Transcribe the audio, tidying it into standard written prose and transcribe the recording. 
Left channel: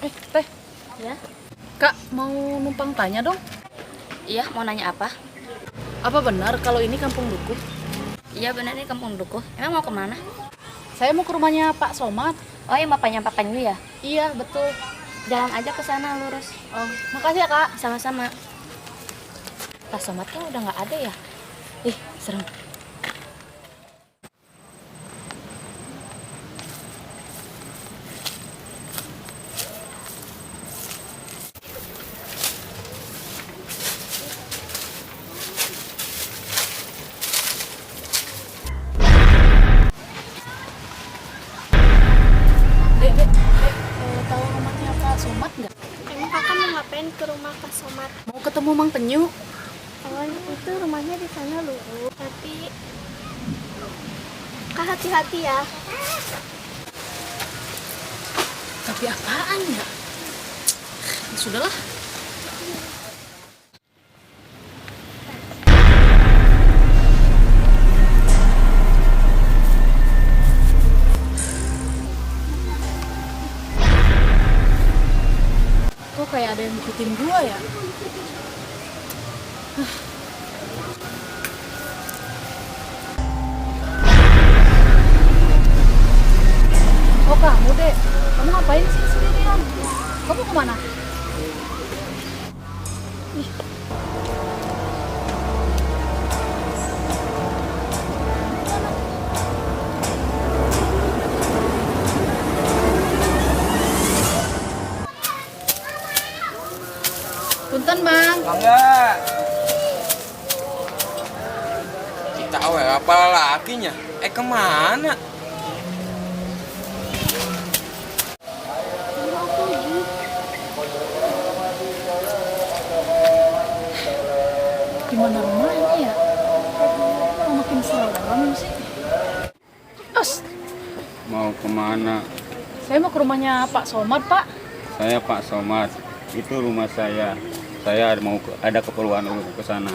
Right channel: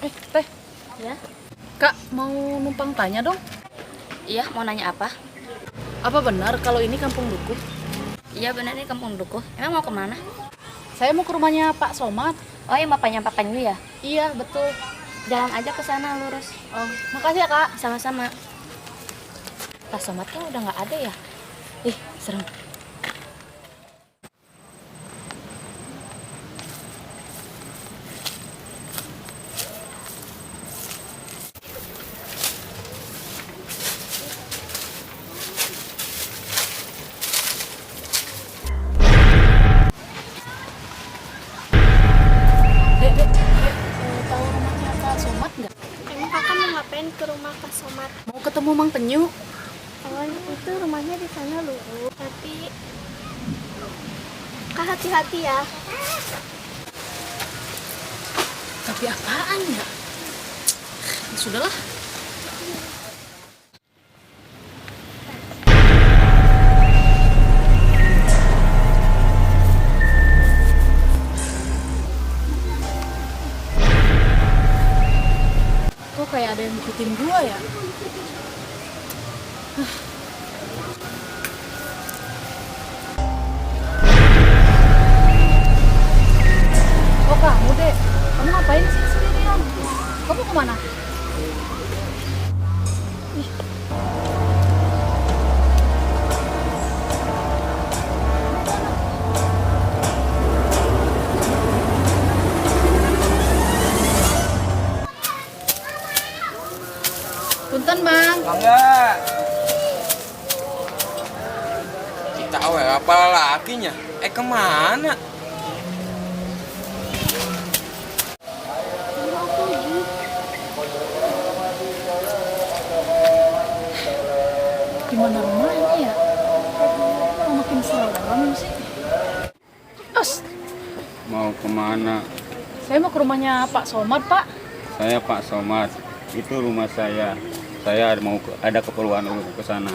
Teh, Ya, Kak mau numpang tanya dong. iya mau nanya apa? Apa benar kalau ini Kampung Dukuh? Iya benar ini Kampung Dukuh. Emang mau kemana? Saya mau ke rumahnya Pak Somad. Oh yang bapaknya Pak Panyu ya? Iya, betul. Jalan aja ke sana lurus. Oh, makasih ya, Kak. Sama-sama. Pak Somad kan udah nggak ada ya? Ih, serem. Dek, tahu rumahnya Pak Somad nggak? Emang kakak mau ngapain ke rumah Kak Somad? Mau ketemu Mang Penyu. Oh, itu rumahnya di sana loh. Tapi kak hati-hati ya. Tapi apaan ya? Ya sudahlah. Kok kayak ada yang ngikutin gua ya? Oh kamu dek, kamu ngapain sih sendirian? Kamu kemana? Ih, punten bang. Enggak. Kita awal apa lakinya? Kemana? Di mana rumahnya ya? Kok makin serem sih? Os, Mau kemana? saya mau ke rumahnya Pak Somad, Pak. Saya Pak Somad. Itu rumah saya. Saya ada keperluan untuk ke sana.